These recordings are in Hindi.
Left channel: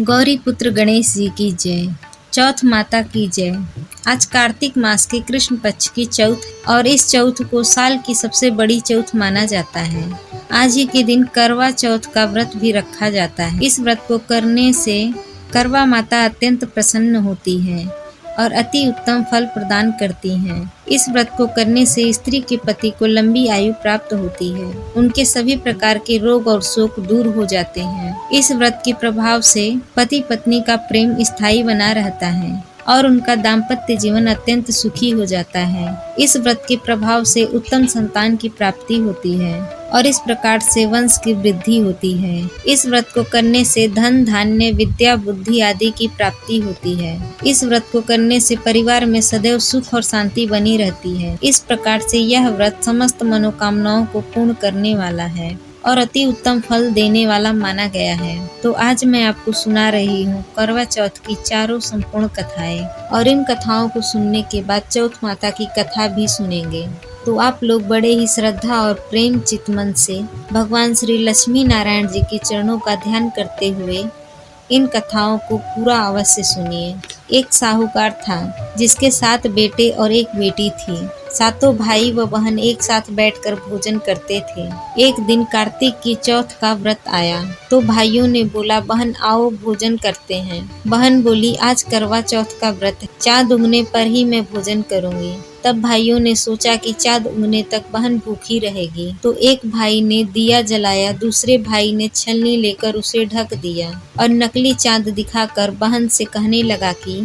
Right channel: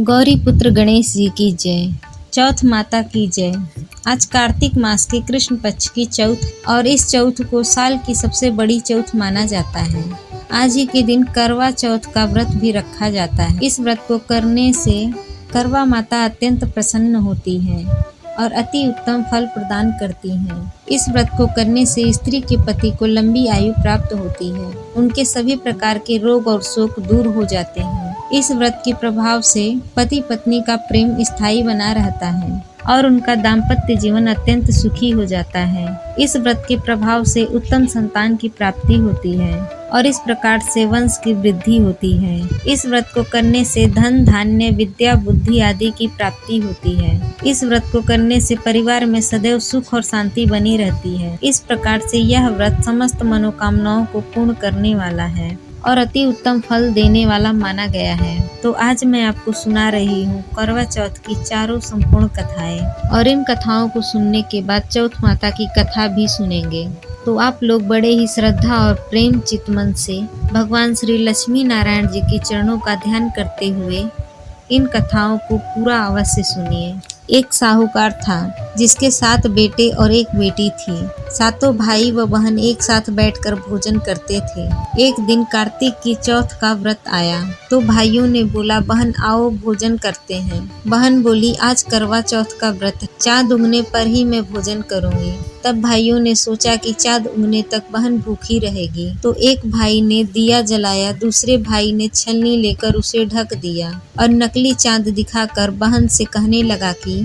गौरी पुत्र गणेश जी की जय। चौथ माता की जय। आज कार्तिक मास के कृष्ण पक्ष की चौथ और इस चौथ को साल की सबसे बड़ी चौथ माना जाता है। आज ही के दिन करवा चौथ का व्रत भी रखा जाता है। इस व्रत को करने से करवा माता अत्यंत प्रसन्न होती है और अति उत्तम फल प्रदान करती हैं। इस व्रत को करने से स्त्री के पति को लंबी आयु प्राप्त होती है, उनके सभी प्रकार के रोग और शोक दूर हो जाते हैं। इस व्रत के प्रभाव से पति पत्नी का प्रेम स्थायी बना रहता है और उनका दाम्पत्य जीवन अत्यंत सुखी हो जाता है। इस व्रत के प्रभाव से उत्तम संतान की प्राप्ति होती है और इस प्रकार से वंश की वृद्धि होती है। इस व्रत को करने से धन धान्य विद्या बुद्धि आदि की प्राप्ति होती है। इस व्रत को करने से परिवार में सदैव सुख और शांति बनी रहती है। इस प्रकार से यह व्रत समस्त मनोकामनाओं को पूर्ण करने वाला है और अति उत्तम फल देने वाला माना गया है। तो आज मैं आपको सुना रही हूँ करवा चौथ की चारों संपूर्ण कथाएं, और इन कथाओं को सुनने के बाद चौथ माता की कथा भी सुनेंगे। तो आप लोग बड़े ही श्रद्धा और प्रेम चित मन से भगवान श्री लक्ष्मी नारायण जी के चरणों का ध्यान करते हुए इन कथाओं को पूरा अवश्य सुनिए। एक साहूकार था जिसके 7 बेटे और 1 बेटी थी। सातों भाई व बहन एक साथ बैठकर भोजन करते थे। एक दिन कार्तिक की चौथ का व्रत आया तो भाइयों ने बोला, बहन आओ भोजन करते हैं। बहन बोली, आज करवा चौथ का व्रत है, चाँद उगने पर ही मैं भोजन करूंगी। तब भाइयों ने सोचा कि चाँद उगने तक बहन भूखी रहेगी, तो एक भाई ने दिया जलाया, दूसरे भाई ने छलनी लेकर उसे ढक दिया और नकली चाँद दिखाकर बहन से कहने लगा कि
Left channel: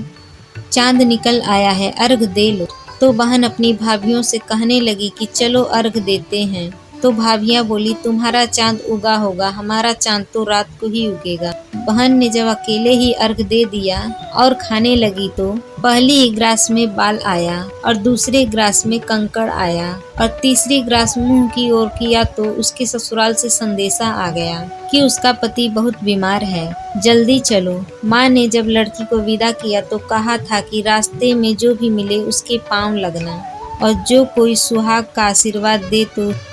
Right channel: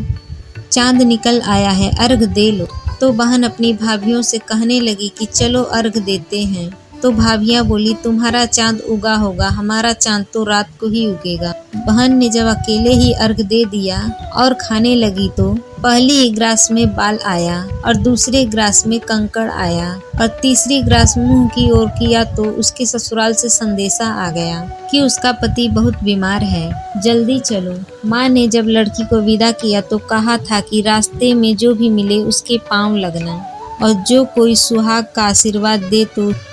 चाँद निकल आया है, अर्घ दे लो। तो बहन अपनी भाभियों से कहने लगी कि चलो अर्घ देते हैं। तो भाभियां बोली, तुम्हारा चाँद उगा होगा, हमारा चाँद तो रात को ही उगेगा। बहन ने जब अकेले ही अर्घ दे दिया और खाने लगी तो पहली ग्रास में बाल आया और दूसरे ग्रास में कंकड़ आया और तीसरी ग्रास मुंह की ओर किया तो उसके ससुराल से संदेशा आ गया कि उसका पति बहुत बीमार है, जल्दी चलो। माँ ने जब लड़की को विदा किया तो कहा था कि रास्ते में जो भी मिले उसके पांव लगना और जो कोई सुहाग का आशीर्वाद दे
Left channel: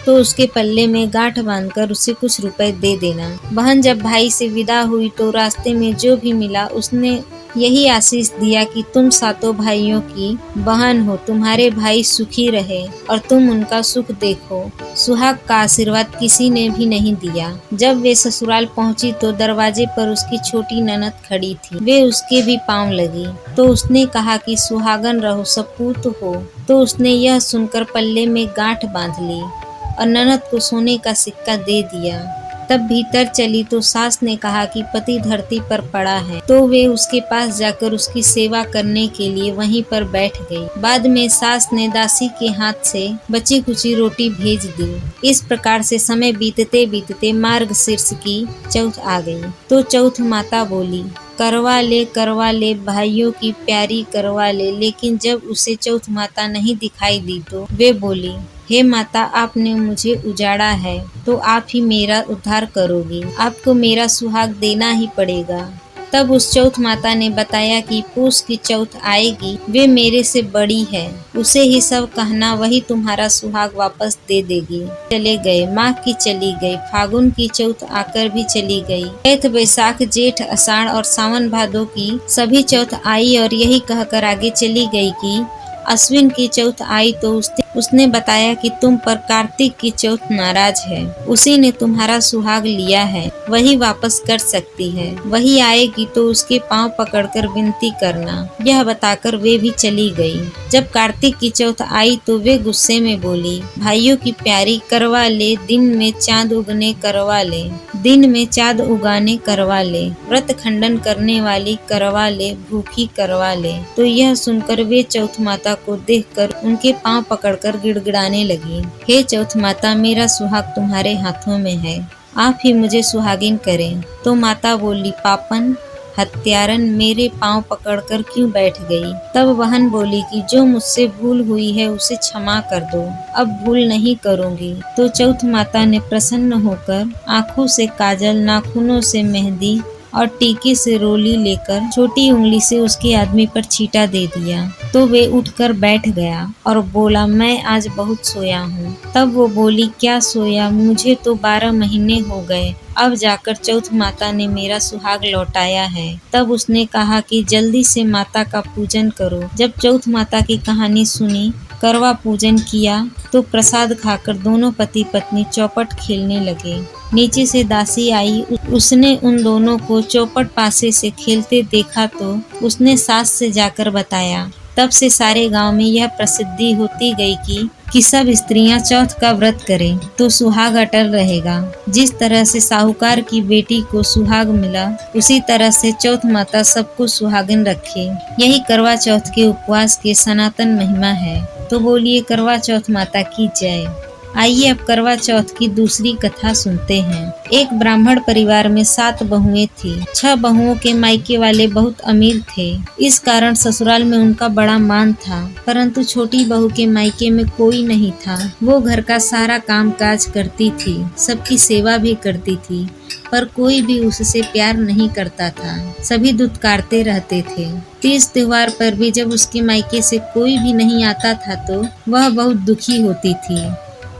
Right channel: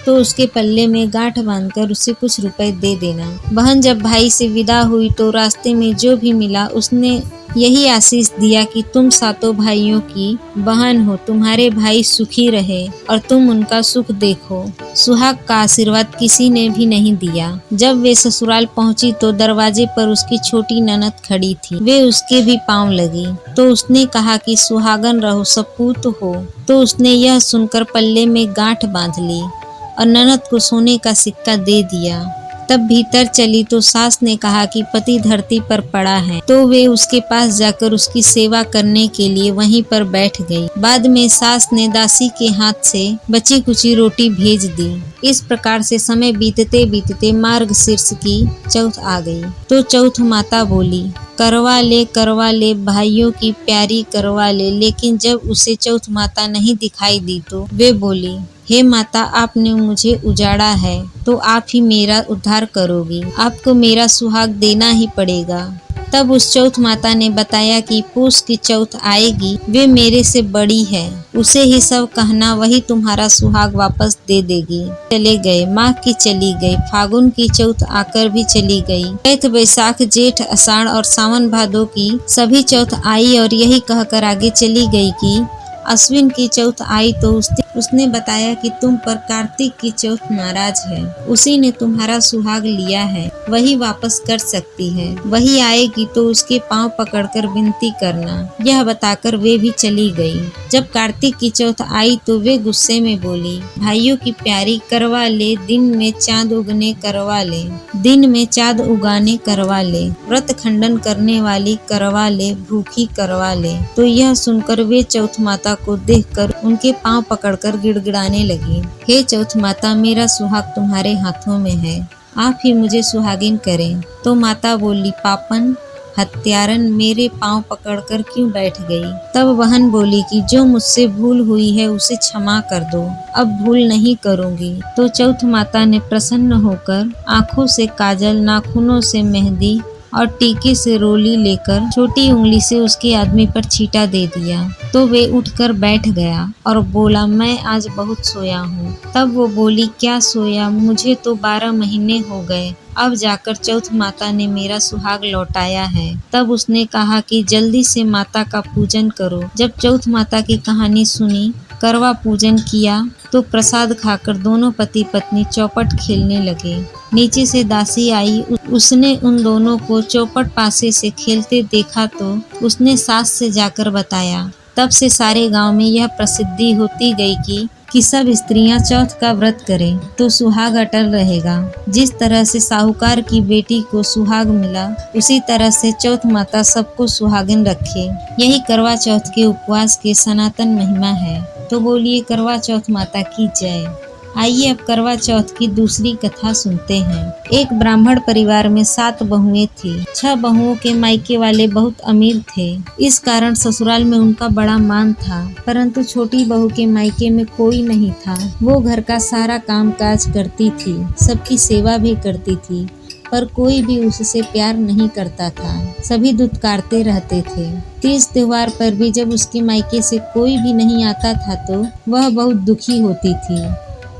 तो उसके पल्ले में गांठ बांधकर उसे कुछ रुपए दे देना। बहन जब भाई से विदा हुई तो रास्ते में जो भी मिला उसने यही आशीष दिया कि तुम सातों भाइयों की बहन हो, तुम्हारे भाई सुखी रहे और तुम उनका सुख देखो। सुहाग का आशीर्वाद किसी ने भी नहीं दिया। जब वे ससुराल पहुंची तो दरवाजे पर उसकी छोटी ननद खड़ी थी। वे उसके भी पांव लगी तो उसने कहा कि सुहागन रहो, सपूत हो। तो उसने यह सुनकर पल्ले में गांठ बांध ली और ननद को सोने का सिक्का दे दिया। तब भीतर चली तो सास ने कहा कि पति धरती पर पड़ा है, तो वे उसके पास जाकर उसकी सेवा करने के लिए वहीं पर बैठ गई। बाद में सास ने दासी के हाथ से बची कुची रोटी भेज दी। इस प्रकार से समय बीतते बीतते मार्गशीर्ष की चौथ आ गई। तो चौथ माता बोली, करवा ले भाइयों की प्यारी करवा ले। लेकिन जब उसे चौथ माता नहीं दिखाई दी तो वे बोली, हे माता, आपने मुझे उजाड़ा है तो आप ही मेरा उद्धार करोगी, आपको मेरा सुहाग देना ही पड़ेगा। तब उस चौथ माता ने बताया कि पूस की चौथ आएगी, वे मेरे से बड़ी है, उसे ही सब कहना, वही तुम्हारा सुहाग वापस दे देगी। चले गए, माघ की चली गई, फागुन की चौथ आकर भी चली गई। चैत बैसाख जेठ आषाढ़ और सावन भादों की सभी चौथ आई और यही कहकर आगे चली गई कि अश्विन की चौथ आई तो उसने बताया कि तुम पर कार्तिक की चौथ नाराज है, उसी ने तुम्हारा सुहाग लिया है, वही वापस कर सकती है, वही आएगी तो उसके पांव पकड़कर विनती करना। यह बताकर वे भी चली गई। जब कार्तिक की चौथ आई तो वे गुस्से में बोली, भाइयों की प्यारी करवा ले, दिन में चाँद उगने करवा ले, दिन में चाँद उगाने करवा ले, व्रत खंडन करने वाली करवा ले, भूखी करवा ले। तो यह सुनकर वे चौथ माता को देखकर उनके पांव पकड़कर गिड़गिड़ाने लगी, हे चौथ माता, मेरा सुहाग तुम्हारे हाथों में है, आप ही मुझे सुहागिन करें। तो माता बोली, पापन हत्यारन, मेरे पांव पकड़कर क्यों बैठ गई। तब बहन बोली कि जो मुझसे भूल हुई है उसे क्षमा कर दो, अब भूल नहीं करूंगी। तो चौथ माता ने प्रसन्न होकर आंखों से काजल, नाखूनों से मेहंदी और टीके से रोली लेकर छोटी उंगली से उसके आदमी पर छींटा दे दिया। तो वे उठकर बैठ गया और बोला, मैं आज बहुत सोया हूँ। तब वो बोली, क्या सोया, मुझे तो 12 महीने हो गए, अब जाकर चौथ माता ने मेरा सुहाग लौटाया है। तब उसने कहा कि जल्दी से माता का पूजन करो। जब चौथ माता की कहानी सुनी, करवा पूजन किया तो प्रसाद खाकर दोनों पति पत्नी चौपट खेलने लगे। नीचे से दासी आई, उसने उन दोनों को चौपट पासे से खेलते देखा तो उसने सास से जाकर बताया। तब से सारे गांव में यह प्रसिद्धि होती गई कि सब स्त्रियां चौथ का व्रत करें तो सुहाग अटल रहेगा। जिस तरह से साहूकार की बेटी को सुहाग मिला, उसी तरह से चौथ माता सबको सुहागिन रखे। यही करवा चौथ के उपवास के सनातन महिमा है। तो बोलिए करवा चौथ माता की जय। आइए अब करवा चौथ की दूसरी कथा सुनते हैं। एक ब्राह्मण परिवार में 7 बहुएं थी। 6 बहुओं के मायके वाले बहुत अमीर थे, इस कारण ससुराल में उनका बड़ा मान था। परंतु छोटी बहू के मायके में कोई नहीं था। वो घर का सारा काम काज करती थी, सबकी सेवा भी करती थी, पर कोई भी उससे प्यार नहीं करता था। सभी दुत्कारते रहते थे। तीज त्योहार पर भी जब उसके मायके से कोई भी नहीं आता था तो वह बहुत दुखी होती थी।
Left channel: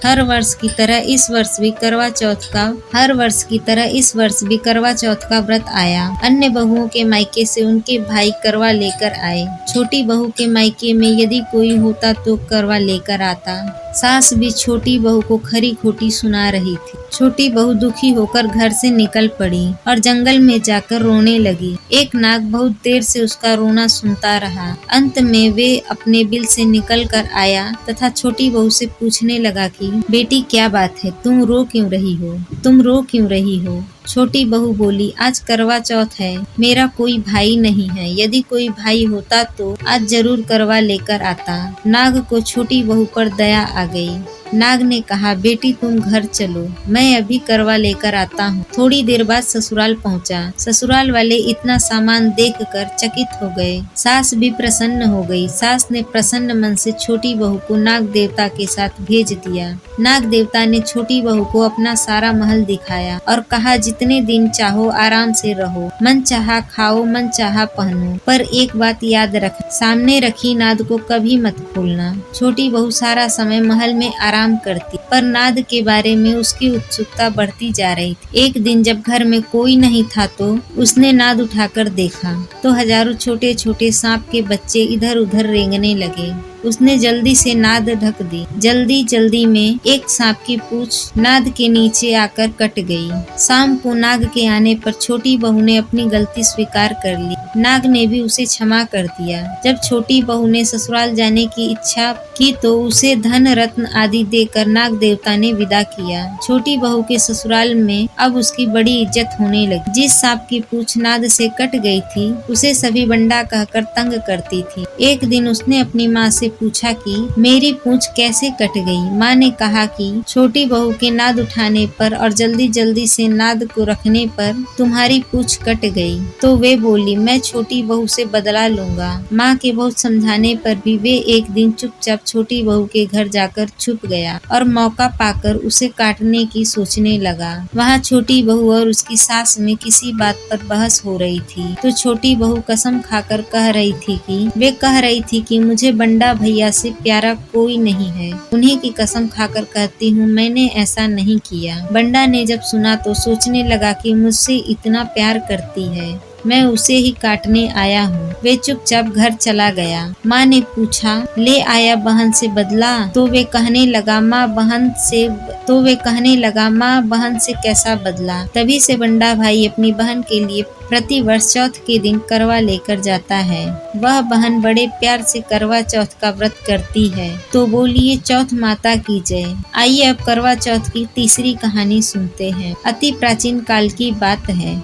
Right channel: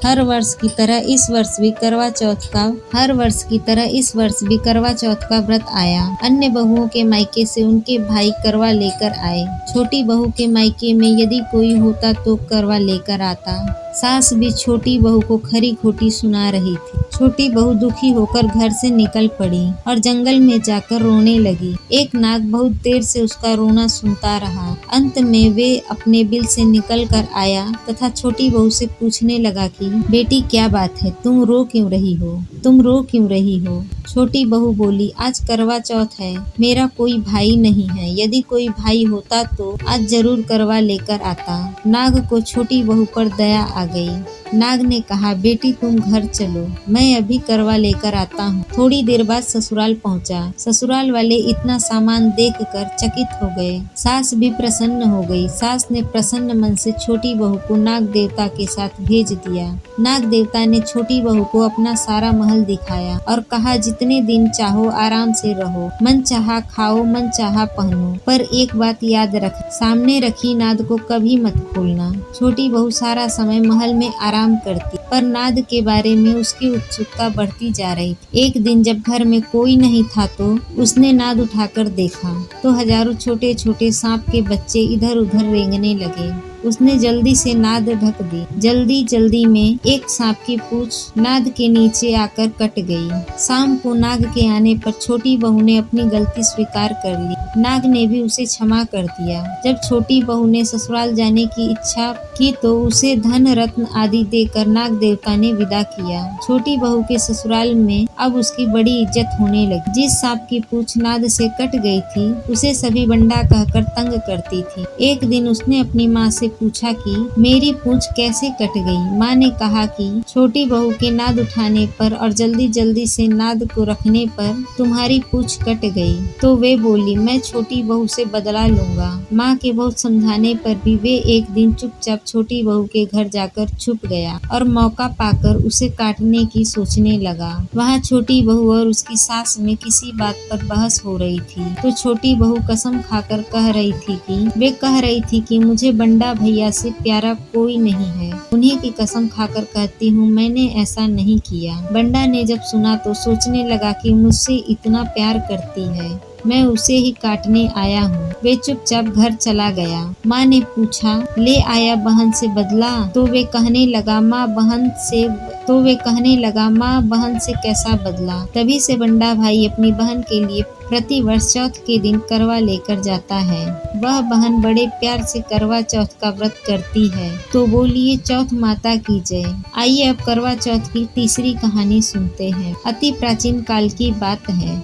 हर वर्ष की तरह इस वर्ष भी करवा चौथ का व्रत आया। अन्य बहुओं के मायके से उनके भाई करवा लेकर आए। छोटी बहू के मायके में यदि कोई होता तो करवा लेकर आता। सास भी छोटी बहू को खरी खोटी सुना रही थी। छोटी बहू दुखी होकर घर से निकल पड़ी और जंगल में जाकर रोने लगी। एक नाग बहुत देर से उसका रोना सुनता रहा। अंत में वे अपने बिल से निकल कर आया तथा छोटी बहू से पूछने लगा कि बेटी क्या बात है, तुम रो क्यों रही हो? छोटी बहू बोली, आज करवा चौथ है, मेरा कोई भाई नहीं है। यदि कोई भाई होता तो आज जरूर करवा लेकर आता। नाग को छोटी बहू पर दया आ गई। नाग ने कहा, बेटी तुम घर चलो, मैं अभी करवा लेकर आता हूँ। थोड़ी देर बाद ससुराल पहुँचा। ससुराल वाले इतना सामान देखकर चकित हो गए। सास भी प्रसन्न हो गई। सास ने प्रसन्न मन से छोटी बहू को नाग देवता के साथ भेज दिया। नाग देवता ने छोटी बहू को अपना सारा महल दिखाया और कहा, जितने दिन चाहो आराम से रहो, मन चाहा खाओ, मन चाहा पहनो, पर एक बात याद रख, सामने रखी नाद को कभी मत खोलना। छोटी बहू सारा समय महल में आराम करती, पर नाद के बारे में उसकी उत्सुकता बढ़ती जा रही थी। एक दिन जब घर में कोई नहीं था तो उसने नाद उठाकर देखा तो हजारों छोटे छोटे सांप के बच्चे इधर उधर रेंगने लगे। उसने जल्दी से नाद ढक दी। जल्दी में एक सांप की पूंछ नाद के नीचे आकर कट गई। शाम को नाग के आने पर छोटी बहू ने अपनी गलती स्वीकार कर ली। नाग ने भी उसे क्षमा कर दिया। जब छोटी बहू ने ससुराल जाने की इच्छा की तो उसे धन रत्न आदि देकर नाग देवता ने विदा किया। छोटी बहू के ससुराल में अब उसकी बड़ी इज्जत होने लगी। जिस सांप की पूंछ नाद से कट गई थी उसे सभी बंडा कहकर तंग करती थी। एक दिन उसने अपनी माँ से पूछा कि मेरी पूंछ कैसे कट गई। माँ ने कहा कि छोटी बहू के नाद उठाने पर और जल्दी से नाद को रखने पर तुम्हारी पूंछ कट गई। तो वे बोली, मैं छोटी बहू से बदला लूंगा। माँ के बहुत समझाने पर भी वे एक दिन चुपचाप छोटी बहू के घर जाकर छुप गया और मौका पाकर उसे काटने की सोचने लगा। वहाँ छोटी बहू और उसकी सास में किसी बात पर बहस हो रही थी तो छोटी बहू कसम खाकर कह रही थी कि मुझे बंडा भैया से प्यारा कोई नहीं है। उन्हीं की कसम खाकर कहती हूँ, मैंने ऐसा नहीं किया। बंडा ने जब सुना तो सोचने लगा कि मुझसे इतना प्यार करती है, मैं उसे ही काटने आया हूँ। वे चुपचाप घर चला गया। माँ ने पूछा, ले आया बहन से बदला? तो वे कहने लगा, माँ बहन से कैसा बदला। तभी से बंडा भाई अपनी बहन के लिए प्रति वर्ष चौथ के दिन करवा लेकर जाता है। वह बहन बड़े प्यार से करवा चौथ का व्रत करती है। तो बोलिए चौथ माता की जय। आइए अब करवा चौथ की तीसरी कहानी सुनते हैं। अति प्राचीन काल की बात है।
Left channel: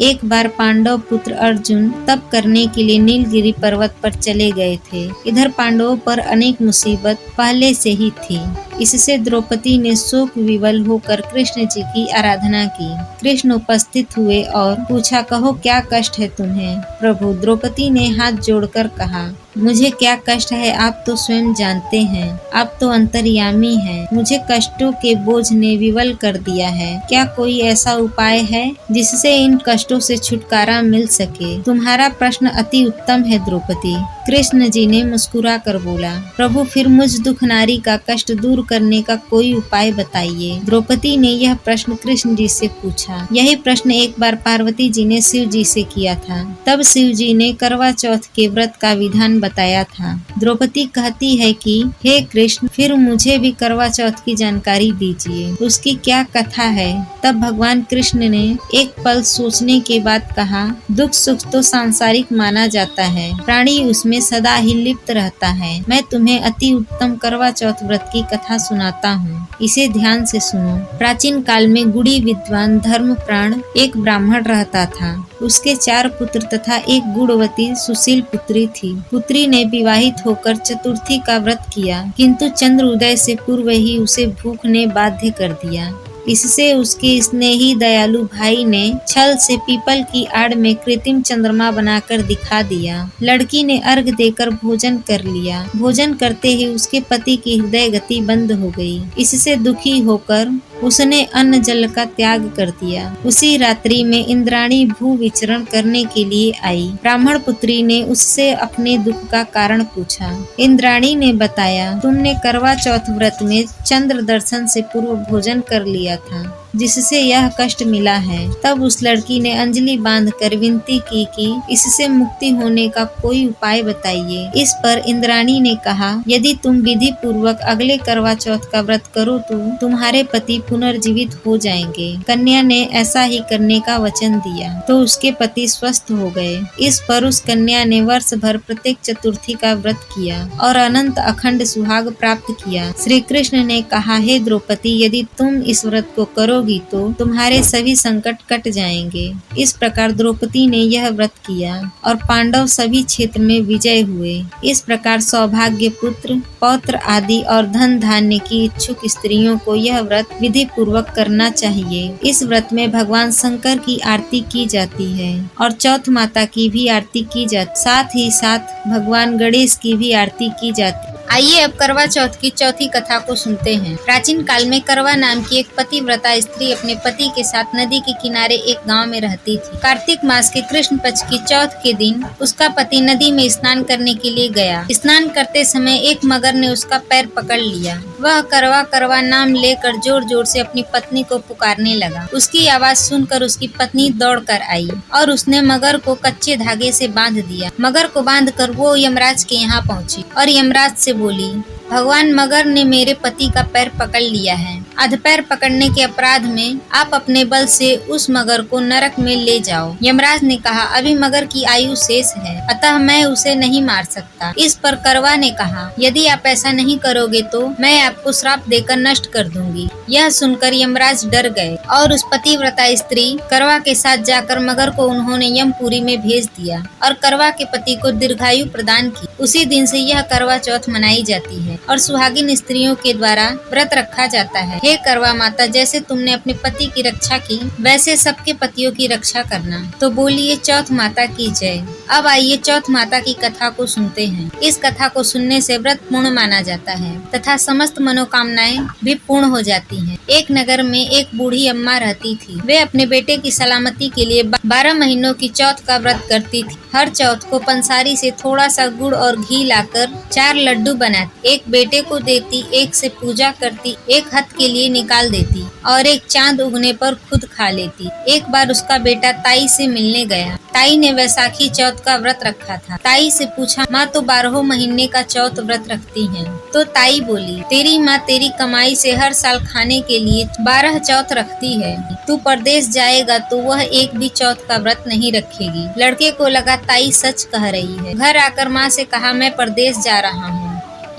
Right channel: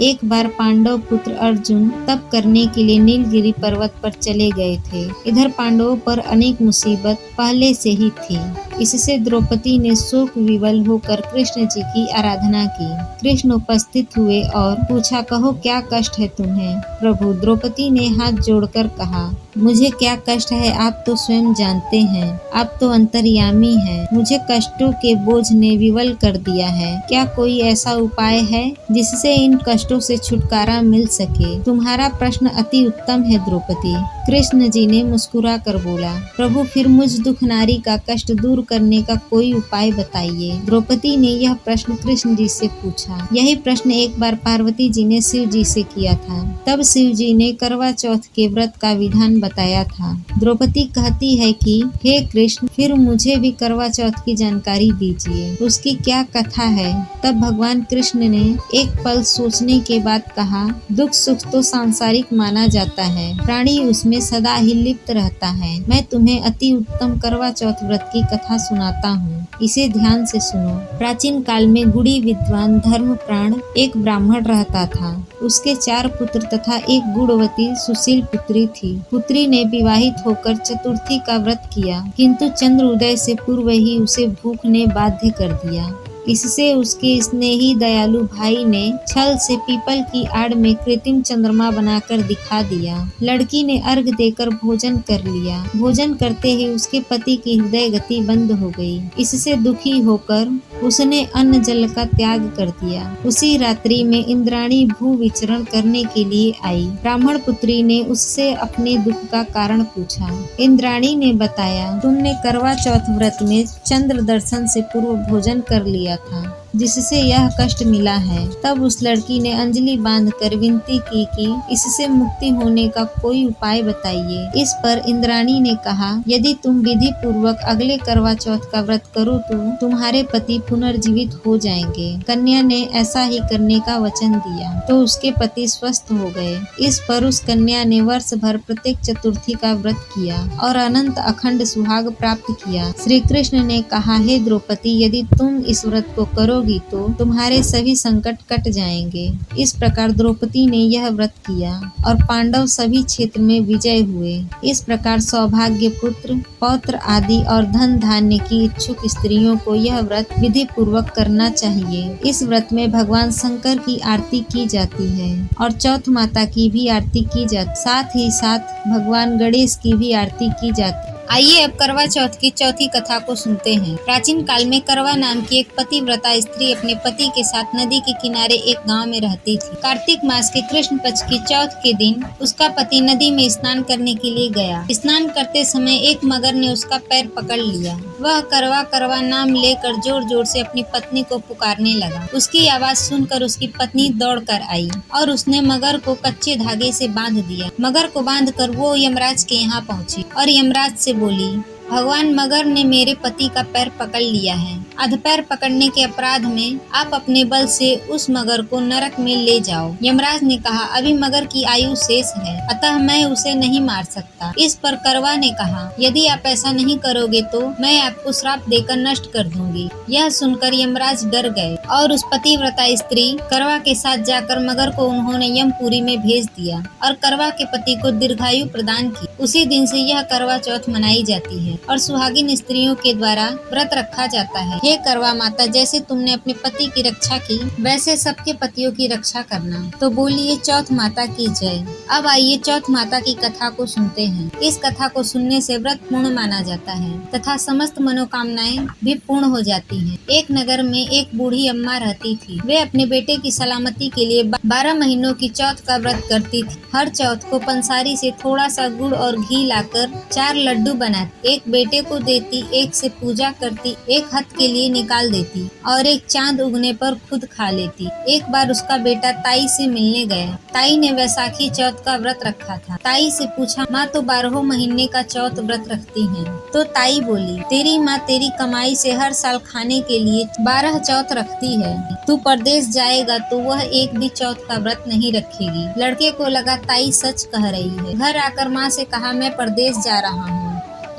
एक बार पांडव पुत्र अर्जुन तप करने के लिए नीलगिरी पर्वत पर चले गए थे। इधर पांडवों पर अनेक मुसीबत पहले से ही थी। इससे द्रौपदी ने शोक विवल होकर कृष्ण जी की आराधना की। कृष्ण उपस्थित हुए और पूछा, कहो क्या कष्ट है तुम्हें? प्रभु, द्रौपदी ने हाथ जोड़कर कहा, मुझे क्या कष्ट है आप तो स्वयं जानते हैं। आप तो अंतर्यामी हैं। मुझे कष्टों के बोझ ने विवल कर दिया है। क्या कोई ऐसा उपाय है जिससे इन कष्टों कष्टों से छुटकारा मिल सके। तुम्हारा प्रश्न अति उत्तम है द्रौपदी। कृष्ण जी ने मुस्कुरा कर बोला, प्रभु फिर मुझ दुख नारी का कष्ट दूर करने का कोई उपाय बताइए। द्रौपदी ने यह प्रश्न कृष्ण जी से पूछा। यही प्रश्न एक बार पार्वती जी ने शिव जी से किया था। तब शिव जी ने करवा चौथ के व्रत का विधान बताया था। द्रौपदी कहती है कि हे कृष्ण, फिर मुझे भी करवा चौथ की जानकारी दीजिए, उसकी क्या कथा है। तब भगवान कृष्ण ने एक पल सोचने के बाद कहा, दुख सुख तो सांसारिक माना जाता है, प्राणी उसमें सदा ही लिप्त रहता है। मैं तुम्हें अति उत्तम करवा चौथ व्रत की कथा सुनाता हूँ, इसे ध्यान से सुनो। प्राचीन काल में गुणी विद्वान धर्मप्राण एक ब्राह्मण रहता था। उसके 4 पुत्र तथा एक गुणवती सुशील पुत्री थी। पुत्री ने विवाहित होकर चतुर्थी का व्रत किया, किंतु चंद्र उदय से पूर्व ही उसे भूख ने बाध्य कर दिया। इससे उसके स्नेही दयालु भाई ने छल से पीपल की आड़ में कृत्रिम चंद्रमा बनाकर दिखा दिया। लड़की ने अर्घ देकर भोजन कर लिया। भोजन करते ही उसके पति की हृदय गति बंद हो गई। इससे दुखी होकर उसने अन्न जल का त्याग कर दिया। उसी रात्रि में इंद्राणी भू विचरण करने के लिए आई। ब्राह्मण पुत्री ने उससे अपने दुख का कारण पूछा। इंद्राणी ने बताया, तुमने करवा चौथ व्रत में चंद्र दर्शन से पूर्व भोजन कर लिया था, जिससे यह कष्ट मिला है। तब उस लड़की ने अंजलि बांधकर विनती की कि इससे मुक्ति होने का कोई उपाय बताइए। इस पर इंद्राणी ने कहा, यदि तुम विधि पूर्वक अगले करवा चौथ का व्रत करो तो तुम्हारे पति पुनर्जीवित हो जाएंगे। कन्या ने ऐसा ही करने का वचन दिया तो उसके पति स्वस्थ हो गए। इस पर उस कन्या ने वर्ष भर प्रत्येक चतुर्थी का व्रत किया और अनंत अखंड सुहाग प्राप्त किया। श्री कृष्ण ने कहा, हे द्रौपदी, यदि तुम इस व्रत को करोगी तो तुम्हारे सभी संकट कट जाएंगे। इस प्रकार द्रौपदी ने यह व्रत किया और पांडव सभी क्षेत्र में विजय हुए। इस प्रकार सौभाग्य, पुत्र, पौत्र आदि और धन धान्य की इच्छुक स्त्रियों को यह व्रत विधि पूर्वक करना चाहिए। इस व्रत में भगवान शंकर की आरती की जाती है और चौथ माता की भी आरती की जाती, साथ ही साथ भगवान गणेश की भी आरती की जाती। आइए अब करवा चौथ की चौथी कथा को सुनते हैं। प्राचीन काल में करवा नाम की एक पतिव्रता स्त्री अपने पति के साथ नदी के किनारे एक गांव में रहती थी। कार्तिक मास के कृष्ण पक्ष की चौथ के दिन उसका पति नदी में स्नान करने के लिए गया। स्नान करते समय एक मगर ने उसका पैर पकड़ लिया। वह करवा करवा नाम लेकर जोर जोर से अपनी पत्नी को पुकारने लगा। उसकी आवाज सुनकर उसकी पत्नी दौड़ कर आई और उसने मगर को कच्चे धागे से बांध दिया। मगर को बांधकर वो यमराज के यहाँ पहुंची और यमराज से बोली, भगवान मगर ने मेरे पति का पैर पकड़ लिया है। अधपैर पकड़ने के अपराध में आप अपने बल से उस मगर को नरक में ले जाओ। यमराज ने कहा, अभी मगर की आयु शेष है, अतः मैं उसे नहीं मार सकता। इस पर करवा ने कहा, यदि आप ऐसा नहीं करोगे तो मैं आपको श्राप देकर नष्ट कर दूंगी। यह सुनकर यमराज डर गए और उस पतिव्रता स्त्री करवा के साथ जाकर मगर को उन्होंने यमपुरी में भेज दिया और करवा के पति को दीर्घायु प्रदान की। उसी दिन से यह करवा चौथ मनाई जाती है और सुहागिन स्त्रियों के द्वारा व्रत रखा जाता है। हे करवा माता, जैसे तुमने अपने पति की रक्षा की, वैसे सबके पतियों की रक्षा करना। तो बोलिए चौथ माता की जय। अब आइए चौथ माता की कथा को सुनते हैं। इस कथा को सुनने से व्रत पूर्ण माना जाता है तथा समस्त मनोकामनाएं भी पूर्ण हो जाती हैं। एक नगर में एक बूढ़ी अम्मा रहती थी। वे अपने बेटे की सलामती के लिए 12 महीनों की चौथ का व्रत करती थी। हर चौथ को पंसारी से थोड़ा सा गुड़ और घी लाकर 4 लड्डू बनाती, एक बेटे को देती, एक से पूजा करती, एक हथ के लिए निकाल देती और एक चांद उगने पर खुद खा लेती। एक बार उसका बेटा ताई से मिलने गया। ताई ने वैसाखी चौथ का व्रत रखा था। ताई से पूछा, माँ तो 12 महीने का चौथ व्रत रखती हैं। तो ताई बोली, तेरी माँ तेरी कमाई से हर साल खाने के लिए 12 चौथ रखती है। तू परदेश जाएगा तो वह एक भी चौथ का व्रत नहीं रखेगी। लड़के को लगा ताई सच कह रही है। घर आकर माँ से कहा, मैं परदेश जा रहा हूँ,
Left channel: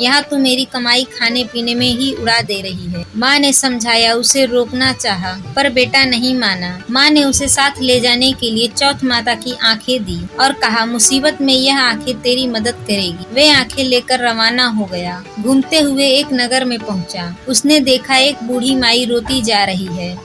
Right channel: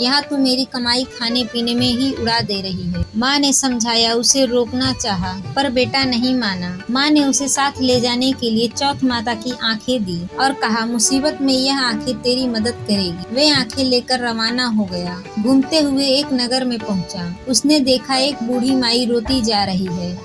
यहाँ तू मेरी कमाई खाने पीने में ही उड़ा दे रही है। माँ ने समझाया, उसे रोकना चाहा, पर बेटा नहीं माना। माँ ने उसे साथ ले जाने के लिए चौथ माता की आंखें दी और कहा, मुसीबत में यह आंखें तेरी मदद करेगी। वे आंखें लेकर रवाना हो गया। घूमते हुए एक नगर में पहुँचा। उसने देखा एक बूढ़ी माई रोती जा रही है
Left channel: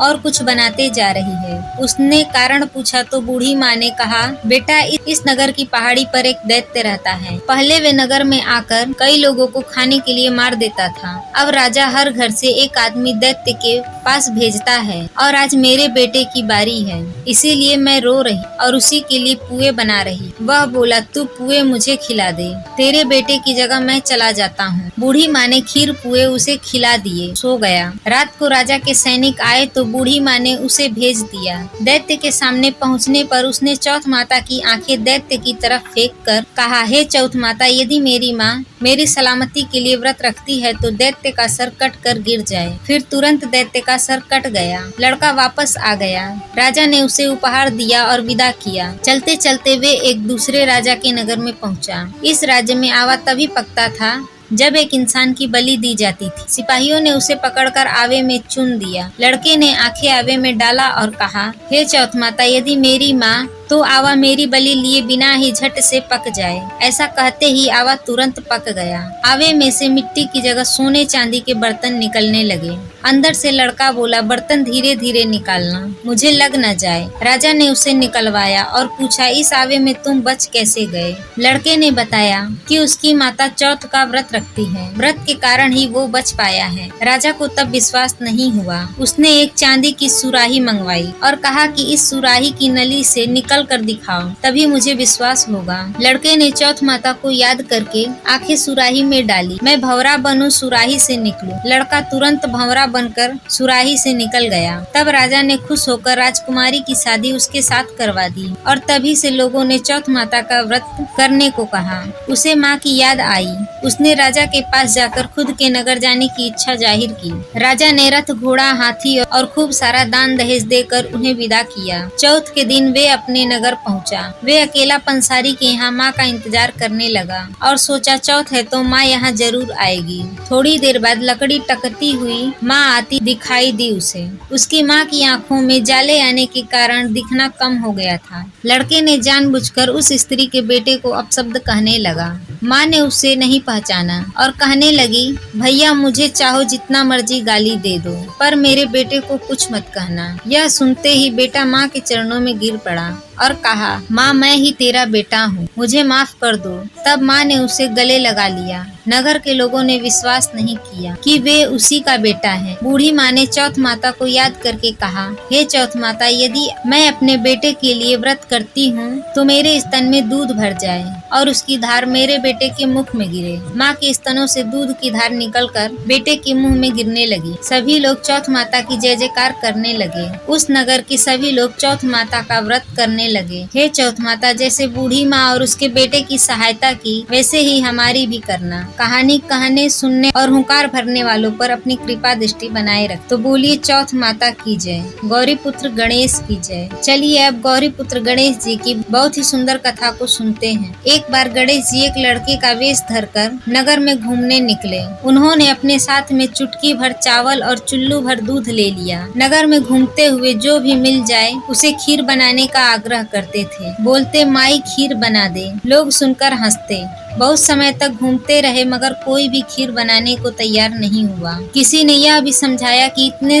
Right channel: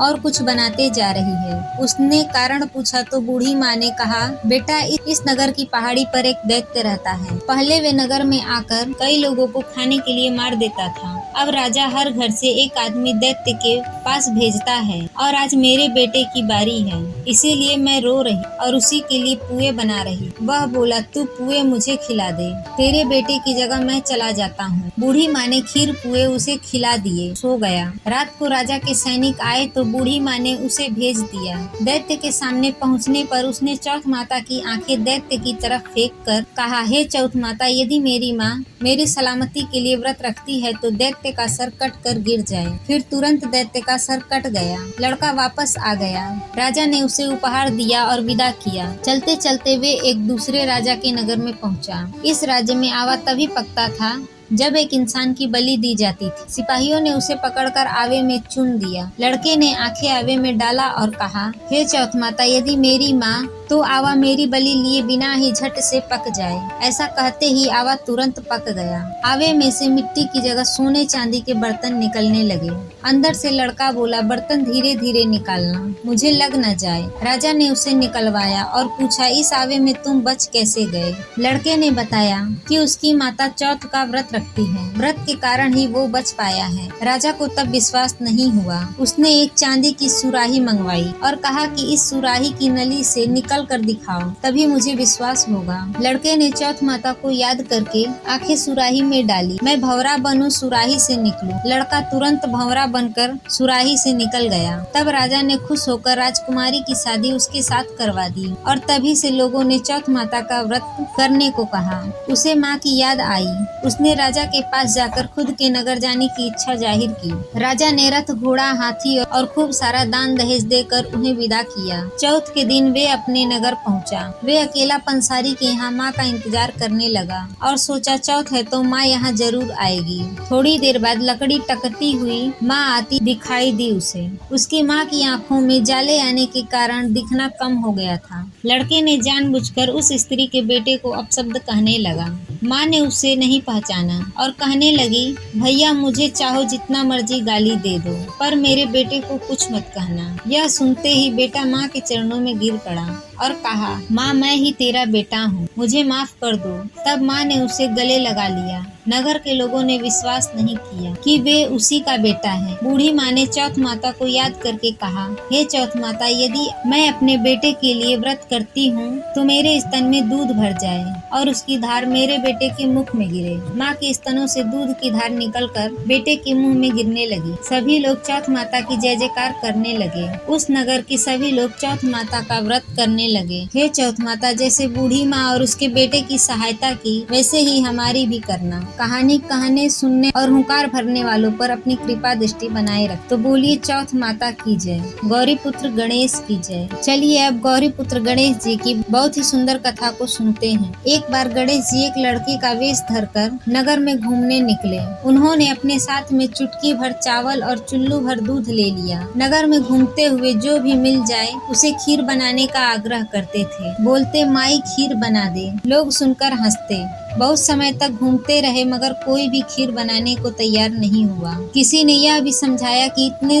और कुछ बनाते जा रही है। उसने कारण पूछा तो बूढ़ी माँ ने कहा, बेटा इस नगर की पहाड़ी पर एक दैत्य रहता है। पहले वे नगर में आकर कई लोगों को खाने के लिए मार देता था। अब राजा हर घर से एक आदमी दैत्य के पास भेजता है और आज मेरे बेटे की बारी है, इसीलिए मैं रो रही और उसी के लिए पुए बना रही। वह बोला, तू पुए मुझे खिला दे, तेरे बेटे की जगह मैं चला जाता हूँ। बूढ़ी माँ ने खीर पुए उसे खिला दिए, सो गया। रात को राजा के सैनिक आए तो बूढ़ी माँ ने उसे भेज दिया। दैत्य के सामने पहुँचने पर उसने चौथ माता की आंखें दैत्य की तरफ फेंक कर कहा, हे चौथ माता, यदि मेरी माँ मेरी सलामती के लिए व्रत रखती है तो दैत्य का सर कट कर गिर जाए। फिर तुरंत दैत्य का सर कट गया। लड़का वापस आ गया। राजा ने उसे उपहार दिया और विदा किया। चलते चलते वे एक दूसरे राजा के नगर में पहुंचा। इस राज्य में आवा तभी पकता था जब एक इंसान की बलि दी जाती थी। सिपाहियों ने उसे पकड़कर आवे में चुन दिया। लड़के ने आंखें आवे में डाला और कहा, हे चौथ माता, यदि मेरी माँ तो आवा मेरी बलि लिए बिना ही झट से पक जाए। ऐसा कहते ही आवा तुरंत पक गया। आवे में से मिट्टी की जगह सोने चांदी के बर्तन निकलने लगे। अंदर से लड़का बोला, बर्तन धीरे धीरे निकालना, मुझे लग न जाए। राजा ने उसे निकलवाया और पूछा, इस आवे में तुम बच कैसे गए? लड़के ने बताया कि उसकी माता चौथ का व्रत रखती है, व्रत के कारण ही वो बच पाया है। राजा को तब विश्वास नहीं हुआ। उसने एक चांदी की सुराही मंगवाई और कहा कि इस सुराही की नली से निकल कर दिखाओ, तभी मुझे विश्वास होगा। लड़के ने चौथ माता को याद करके आंखें सुराही में डाली। मैं भंवरा बनूं, सुराही से निकलूं। लड़का तुरंत भंवरा बनकर सुराही से निकल गया। तब राजा ने खुश होकर राजकुमारी की शादी उसके साथ करवा दी और तभी से लोगों ने चौथ माता का व्रत करने को कहा। उसे माँ की याद आई। उसने राजा के पास जाकर खुद के नगर जाने की इच्छा जाहिर की। राजा ने रथ, घोड़ा, हाथी और खूब सारा दान दहेज देकर उन्हें विदा किया। चौथ के दिन वे अपने नगर पहुंचा। वे अकेला पंसारी के यहाँ माँ का इंतजार करने लगा और सोचा, चौथ है तो माँ यहाँ जरूर आएगी। थोड़ी देर बाद लकड़ी टकती हुई माँ आती दिखाई दी उसे। उसकी माँ की आंखों में जाले आने के कारण दिखना कम हो गया था। लड़के ने जानबूझकर उस स्त्री के बेटे को अपशब्द कहने लगा। माँ ने उसे नहीं पहचाना और कहने लगी, भैया मुझे चाहो जितना मर्जी गाली दे दो, पर मेरे बेटे को कुछ मत कहना। यह सुनते ही बेटा माँ के चरणों में गिर पड़ा और कहा, माँ मैं ही तेरा बेटा हूँ, मुझे माफ कर दो। तब माँ ने उसे गले लगा लिया। नगर के लोगों ने विश्वास नहीं किया कि वे उसी का बेटा है। बूढ़ी माँ ने चौथ माता को याद करके कहा, हे चौथ माता, यदि मैं अपने बेटे के लिए व्रत करती हूँ तो मेरे स्तन में दूध भर जाए और उसकी धार मेरे बेटे के मुख में गिरे। माँ के स्तनों से दूध की धार निकलकर बेटे के मुंह में गिरने लगी। सभी लोग चौथ माता की जय जयकार करने लगे। उस नगर के सभी लोग चौथ माता का व्रत करने लगे। हे चौथ माता, जैसे बूढ़ी माँ और उसके बेटे की सहायता की, वैसे ही हमारी भी करना। कहानी कहने, सुनने और हुंकार भरने वालों पर अपनी कृपा दृष्टि बनाए रख। तो बोलिए चौथ माता की जय, गौरी पुत्र गणेश की जय। चलिए अब गौरी पुत्र गणेश जी की बहुत ही सुंदर कथा को सुनते हैं। एक बार गणेश जी एक लड़के का वेश धरकर नगर में घूमने निकले। उन्होंने अपने साथ में चुटकी भर चावल और चुल्लू भर दूध ले लिया। नगर में घूमते हुए जो भी मिल जाए उसे खीर बनाने का आग्रह करते थे। बोलते, माई खीर बना दे। लोग सुनकर हंसते। बहुत समय तक घूमते रहे मगर कोई भी खीर बनाने को तैयार नहीं हुआ। किसी ने यह भी समझाया कि इतने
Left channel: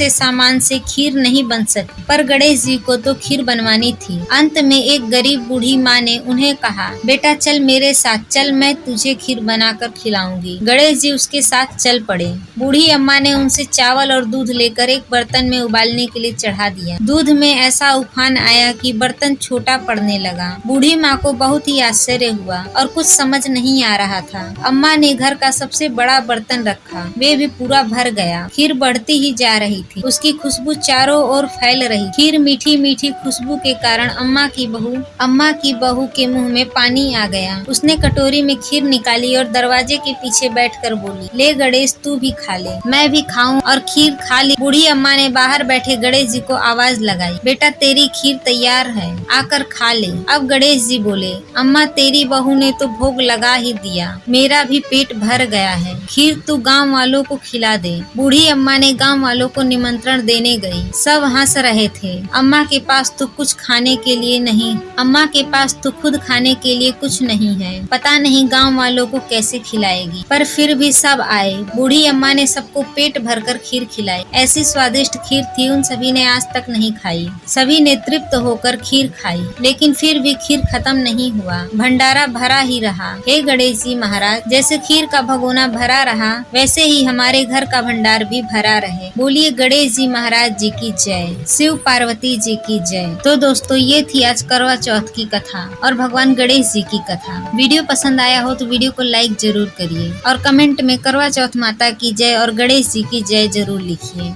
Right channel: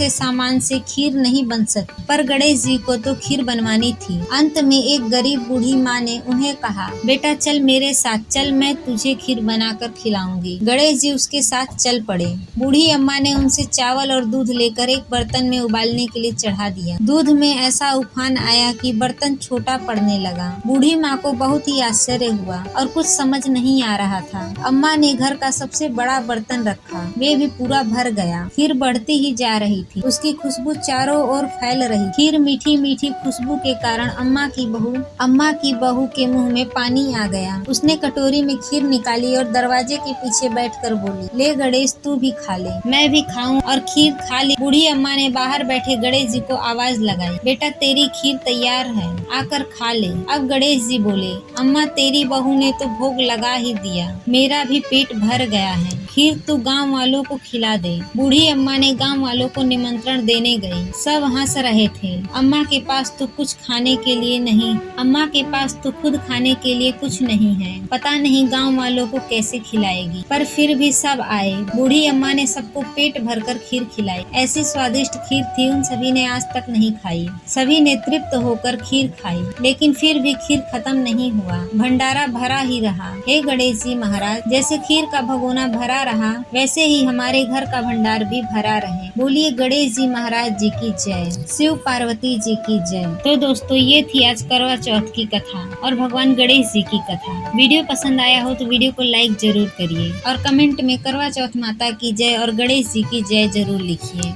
सामान से खीर नहीं बन सकती, पर गणेश जी को तो खीर बनवानी थी। अंत में एक गरीब बूढ़ी माँ ने उन्हें कहा, बेटा चल मेरे साथ चल, मैं तुझे खीर बनाकर खिलाऊंगी। गणेश जी उसके साथ चल पड़े। बूढ़ी अम्मा ने उनसे चावल और दूध लेकर एक बर्तन में उबालने के लिए चढ़ा दिया। दूध में ऐसा उफान आया कि बर्तन छोटा पड़ने लगा। बूढ़ी माँ को बहुत ही आश्चर्य हुआ और कुछ समझ नहीं आ रहा था। अम्मा ने घर का सबसे बड़ा बर्तन रखा, वे भी पूरा भर गया। खीर बढ़ती ही जा रही थी, उसकी खुशबू चारों ओर फैल रही। खीर मीठी मीठी खुशबू के कारण अम्मा की बहू के मुंह में पानी आ गया। उसने कटोरी में खीर निकाली और दरवाजे के पीछे बैठकर बोली, ले गणेश तू भी खा ले, मैं भी खाऊं। और खीर खा ली। बूढ़ी अम्मा ने बाहर बैठे गणेश जी को आवाज लगाई, बेटा तेरी खीर तैयार है, आकर खा ले। अब गणेश जी बोले, अम्मा तेरी बहू ने तो भोग लगा ही दिया, मेरा भी पेट भर गया है, खीर तू गांव वालों को खिला दे। बूढ़ी अम्मा ने गांव वालों को निमंत्रण देने गई। सब हंस रहे थे। अम्मा के पास तो कुछ खाने के लिए नहीं, अम्मा के पास तो खुद खाने के लिए कुछ नहीं है, पता नहीं गांव वालों को कैसे खिलाएगी। पर फिर भी सब आए। बूढ़ी अम्मा ने सबको पेट भरकर खीर खिलाई। ऐसी स्वादिष्ट खीर थी उन सभी ने आज तक नहीं खाई। सभी ने तृप्त होकर खीर खाई, लेकिन फिर भी खीर खत्म नहीं हुआ, भंडारा भरा ही रहा। हे गणेश जी महाराज, जैसे खीर का भगोना भरा रहा, वैसे ही हमारे घर का भंडार भी भरा रहे। बोलिए गणेश जी महाराज जी की जय, शिव पार्वती जी की जय। तो दोस्तों, ये थी आज करवा चौथ की कथा और भगवान गणेश जी की कथा। वीडियो पसंद आया हो तो वीडियो को लाइक जरूर करिए और कमेंट में करवा चौथ माता की जय और गणेश जी की जय जरूर लिखिए।